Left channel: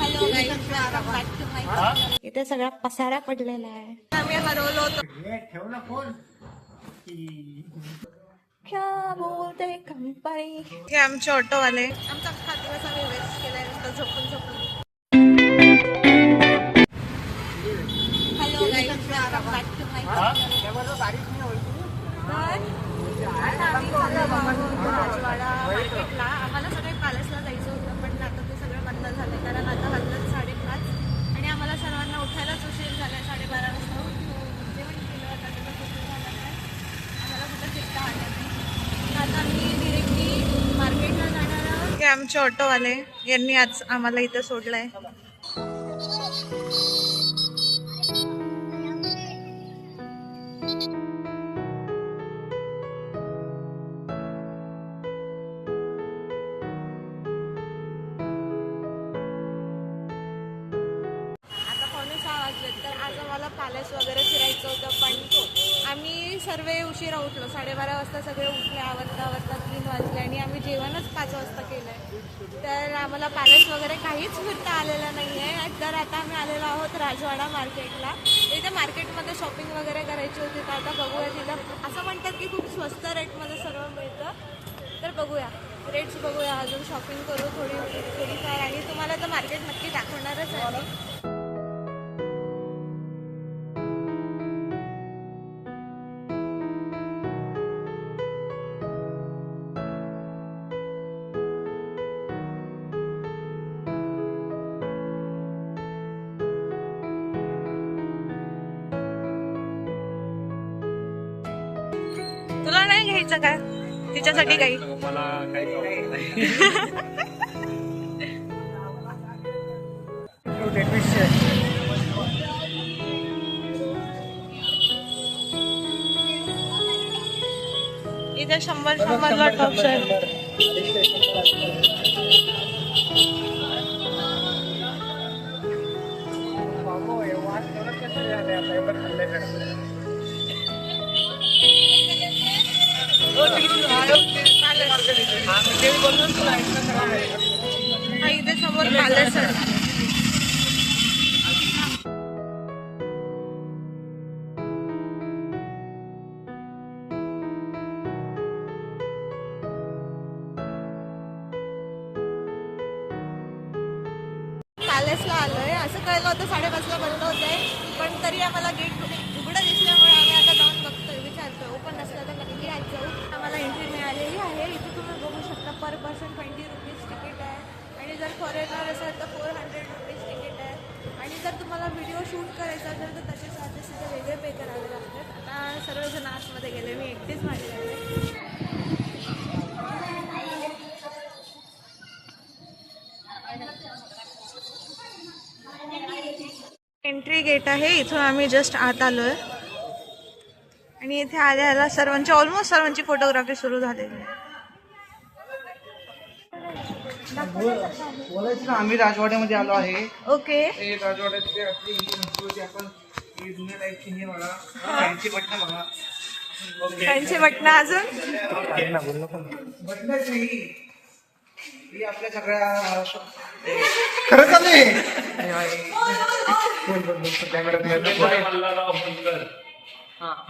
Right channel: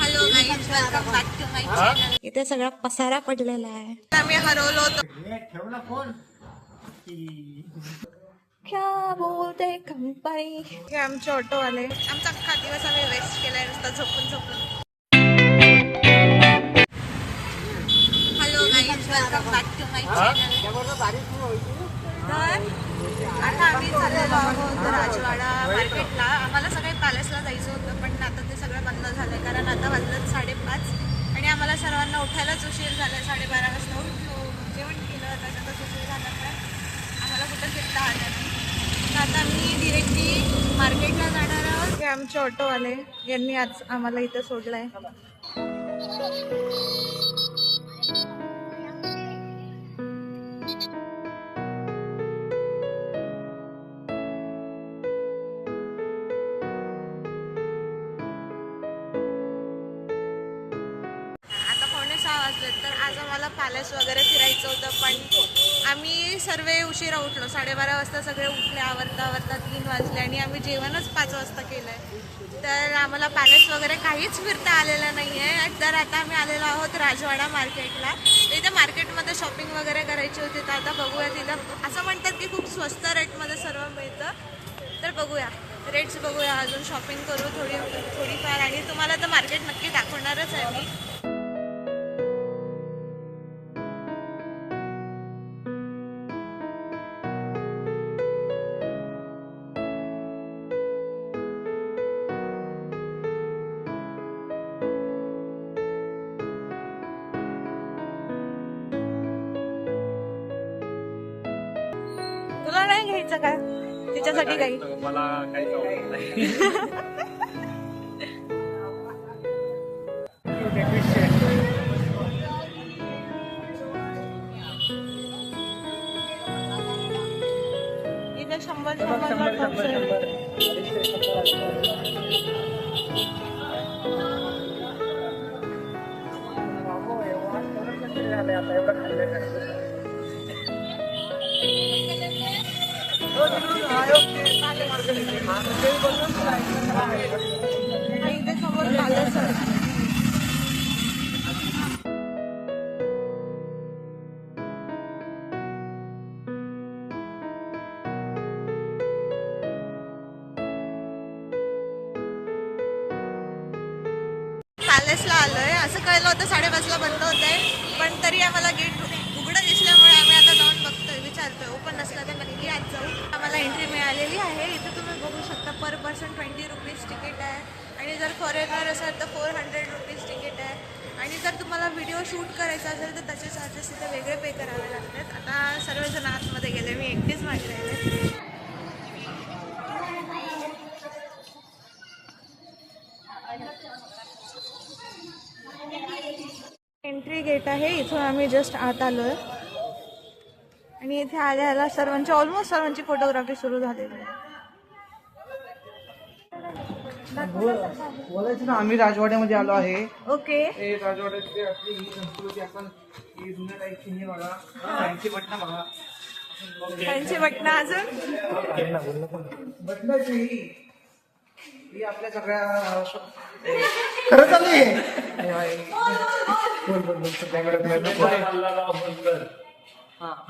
Hello guys, welcome back to my channel. इथे सगळा पसारा पडलेला आहे. आम्ही हरवलो होतो. ठेव ना फोन. क्या बोलते कंपनी. हे आमचे ऑटोवाले. आमचा अख्खा दिवस आम्ही वेस्ट केलाय नुसता झोपून झोपून. Hello guys, welcome back to my channel. तर आता आम्ही चाललेलो आहोत राजवाडा मार्केटला. आम्हाला सकाळी पॅलेसला जायचं होतं, पण आता ते सगळं बंद झालंय कारण आता वाजलं 5:30 आणि आम्हाला सर्वांना उठायलाच उशीर झालाय. 12:30 वाजता उठलो, जेवण केलं, त्याच्यातच उशीर झाल्यामुळे आम्हाला कुठं फिरता आलं नाही. तर आता आम्ही डिरेक्टली मार्केटला जाणार आहोत. हे आमचे ऑटोवाले यांनी आज आम्हाला इथं सोडलंय. आता 5:45 वाजले. तर आज आम्हाला पॅलेस वगैरे फिरायचं होतं, पण आम्ही सर्व उशिरा उठलो. 12:30 वाजता सगळे उठले. आवरता 3 वाजले आणि आम्ही जेवणच 5 वाजता केलं आहे. तर आम्हाला पॅलेस वगैरे काहीच फिरता आलेलं नाही आहे. तर आता आम्ही आलेलो आहोत राजवाडा मार्केटला. इथे मार्केटमध्ये शॉपिंग वगैरे करायची होती. तर आता बघूया, तिथं असं म्हणतात की खूप स्वस्त रेटमध्ये सर्व मिळतं. तर बघूया, रेट्स बघूया, अजून शॉपिंग करू थोडीफार आणि तुम्हाला तर मार्केट नक्की दाखवणारच आहे मी. तुला नाही घ्यायचं का तिच्यासाठी काही? मला काहीच आवडत नाही. इथे 100-100ला टॉप्स आहे. हा इथे समोर पॅलेस आहे. पॅलेसला आलोय. असं कळलं होतं 5:30ला बंद होतंय, पण तरी आम्हाला गेट उघडं दिसल्यामुळे आम्ही आता जाऊन बघतोय, विचारतोय. ओपन नसलं तर नक्की आज जाऊ. आम्हाला एंट्री मिळालेली आहे. इथे तुम्ही बघू शकता पर पर्सन 20 रुपीज तिकीट आहे आणि जर फॉरेनर असेल तर 400 रुपीज तिकीट आहे. आणि जर तुम्हाला व्हिडिओ शूट करायचा असेल तर त्याचे चार्जेस तिथे वेगळे पे करावे लागतात. आता सर्वजण आतमध्ये गेले, मी एकटीच मागे राहिले. एंट्री गेट आहे, इथून आम्ही जस्ट आत आलोय आणि इथे आल्याला ऑलमोस्ट सर्वांची फोटोग्राफी सुरू झालेली आहे. बोलायचं ना, आम्ही राजवाड्यामध्ये आलो आहे. ओके, राजवाड्यात आपली होती. आपण जुन्या टाईपची हे बघा, फॅन्सी बटणं बघा. फॅन्सी बटणं अजून बटणच नाही, ही आपल्या सगळ्या खरं चालू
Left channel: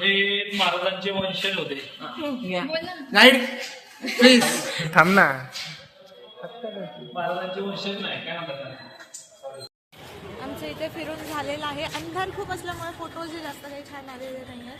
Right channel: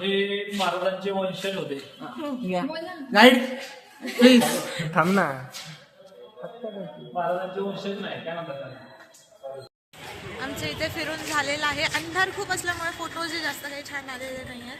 हे महाराजांचे वंशज होते. प्लीज थांब ना. महाराजांचे वंशज नाही काय म्हणतात. आमचं इथे फिरून झालेलं आहे. अंधार खूप असल्यामुळे फोटोज जास्त काही छान आलेले नाही आहेत,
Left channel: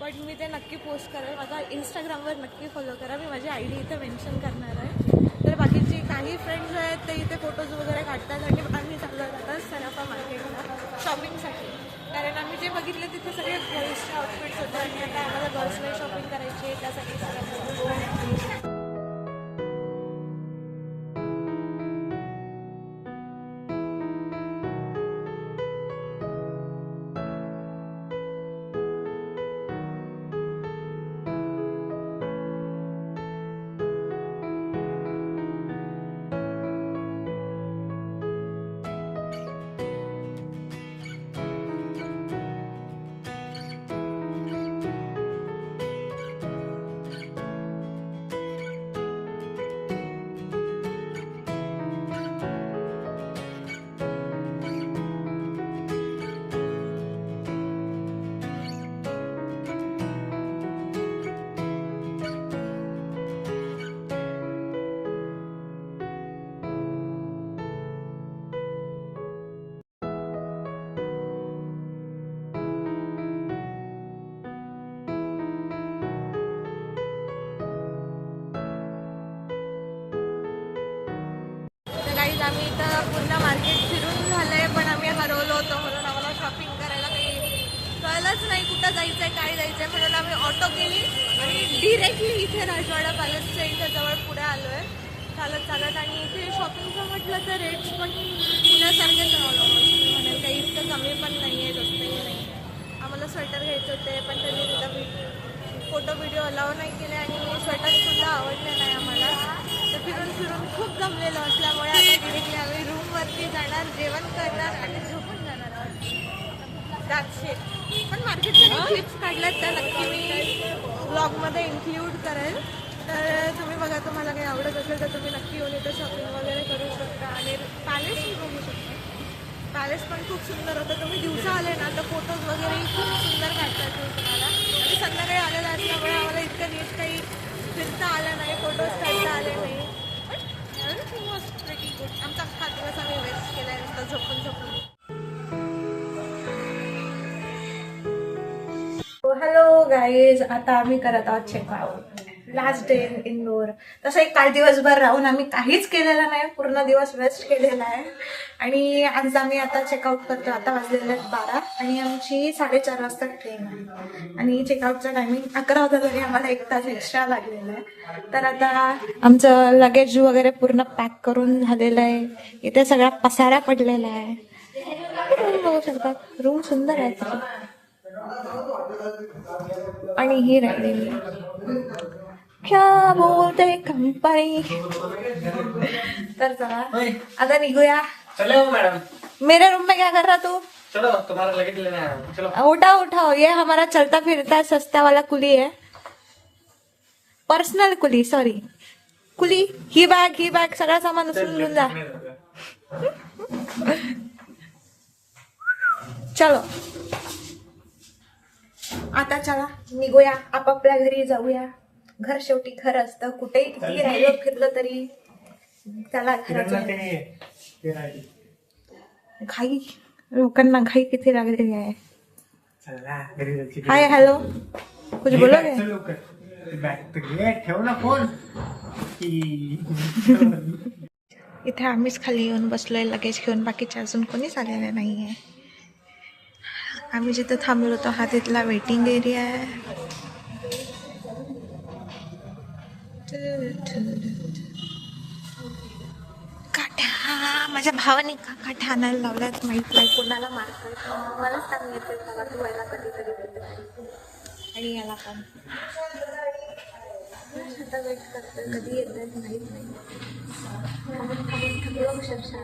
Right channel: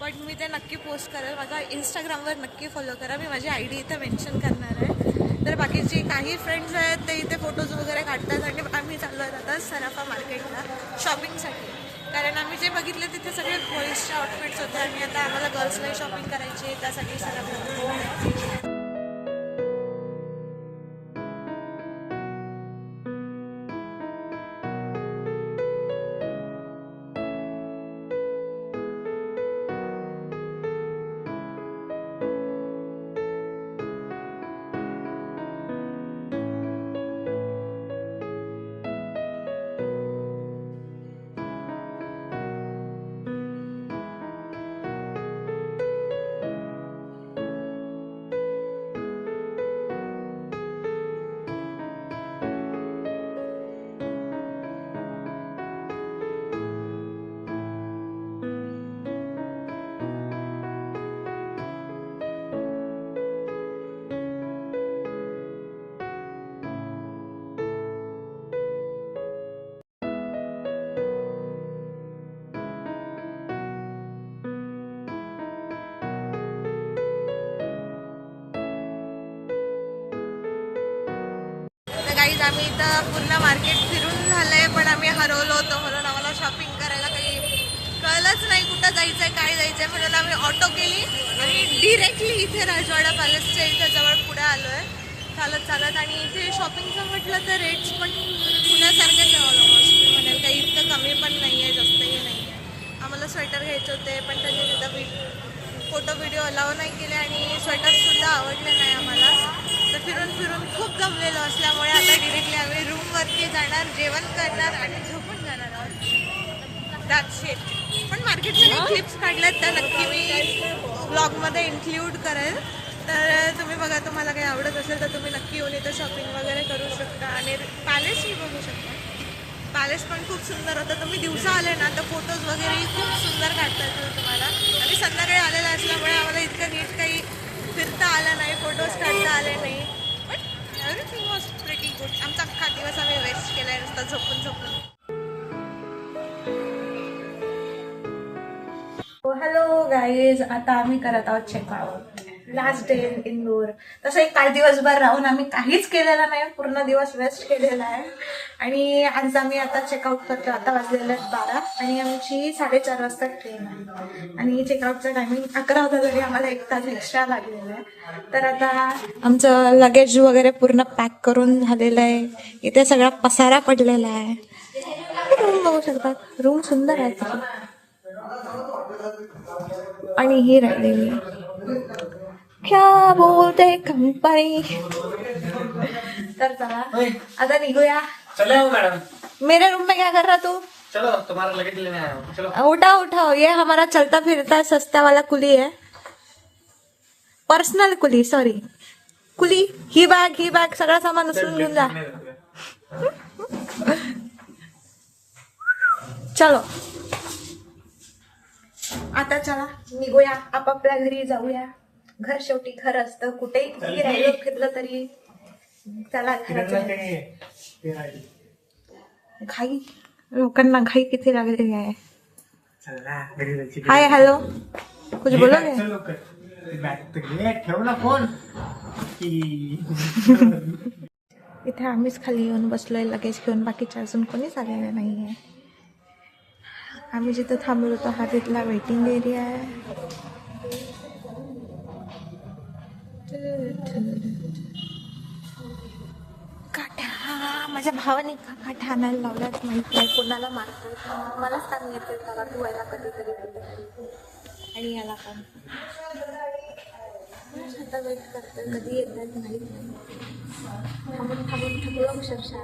पण मी ते नक्की पोस्ट करेल. माझा इंस्टाग्रामवर नक्की फॉलो करा. मी माझी ID इथे मेन्शन करणार आहे. तर बाकीची काही फ्रेंड्स आहेत ते इथे फोटोज वगैरे काढतात आणि आम्ही चाललो आहेत आता सराफा मार्केटला शॉपिंगसाठी. कारण आम्ही जे बघितले तिथे सगळे बॉईजचे आउटफिट्स होते आणि आता आम्हाला गर्ल्सलाही शॉपिंग करायची आहे, त्यासाठी सराफा. गाईज आम्ही इथं पूर्ण मार्केट फिरून झालंय, पण आम्ही हरवलो होतो म्हणून आम्हाला शॉपिंग करायला काही कळलंच नाही कुठं जायचंय काय जायचंय, म्हणून आम्ही ऑटो केली आणि डिरेक्टली इथे राजवाडा पॅलेसच्या इथं जवळ पुढे आलोय चालत चालत. आणि इथे शॉपिंगचं म्हटलं तर रेट्स पण पुण्यासारखेच आहे ऑलमोस्ट. मी म्हणेल काही इतकं कमी पण नाही आहे जास्तही नाही आहे. आम्हाला स्वेटर घ्यायचे होते पण त्यांनी तिथं फोटो व्हिडिओ अलाव नाही केले आणि स्वेटरसुद्धा आवडले नाही आम्हाला. तर फिरून फिरून खूप जमलेलो असल्यामुळे आता डिरेक्टली आम्ही रूमवरती जाणार, जेवण करणार आणि झोपून जाणार आहोत. That's it. पण मार्केटच्या काही क्लिप्स काढल्यात त्या नक्की मी व्लॉगमध्ये इन्क्ल्यूड करेल. तर तुम्ही बघा, तुम्हाला काही आवडत असेल तर तुम्ही नक्की येऊन इथं शॉपिंग वगैरे करू शकता आणि पॅलेसही बघू शकता. पॅलेस पण खूप सुंदर होतं. तुम्ही दिवसा आले ना तर फोटोज वगैरेही खूप सुंदर काढता येतील तुम्हाला. आम्ही संध्याकाळी आलेला असल्यामुळे आम्हाला इतकं नीट काही फिरता आलं नाही, फोटोज काढता आले नाही. But everything was pretty good. आमचा अख्खा दिवस आम्ही वेस्ट केला आहे नुसतं झोपून झोपून. हॅलो गाईज, आता आम्ही करत आहोत checkout. Last day in Indore. तसं एक काल दिवसभर राहून आम्ही काहीच केलेलं नाही, पूर्ण दिवस वेस्ट केलेला आहे. आणि आज आम्ही आता चेकआउट करतो. आता वाजलेले आहेत 12 आणि आमची 4:30 वाजता ट्रेन आहे. आणि चेकआउटचा टायमिंग 11 होता तरी आम्हाला 1 तास एक्स्ट्रा लागलेला आहे. तर आता आमचं लगेज वगैरे पूर्ण पॅक करून झालेलं आहे. इथे सगळा पसारा पडलेला आहे. रूम बघू शकतात, रूम सुंदर आहे. आणि ही राहिली क्या बोलते कंपनी. तर चला आता निघूया. चलो मैडम, मेरे रूम में क्या कर रहा तू? चलो तुम्हारा लगेज लेने आ रहा हूँ. चलो उठाओ उठाओ, ये हमारा चलता फिरता सस्ता वाला कुली है. पर्सनल कुली, सॉरी कुली. ही बॅग सगळं सामान उचलून घेऊन जा. चलो आता चला निघूया, आपापल्या घरी जाऊया. घर शेवटी घर असतं, कुठेही किती राहिलं फिरलं तरी. चला घरात. घाई, लोकांना घाई किती लागलेली आहे. हाय हॅलो, कुछ बोलोगे? ठेव ना फोन. इथे आम्हीच खाली येऊन बसलोय लगेज घेऊन, बाकीचे अजून कोणीच आलेले नाहीये. आम्ही जिथं थांबलो होतो हा तिथला वेटिंग एरिया आहे. काठा, माझ्या भावाने का काठा आणायला लावल्यात माहित नाही, कोणाला मारतात मलाच सांग येते त्याला तू व्हायला कधीतरी कुठेतरी. आणि याला पण आता वेट करतोय, कधी येत आहेत माहीत नाही. थांबून थांबून थकलो अक्षरशः.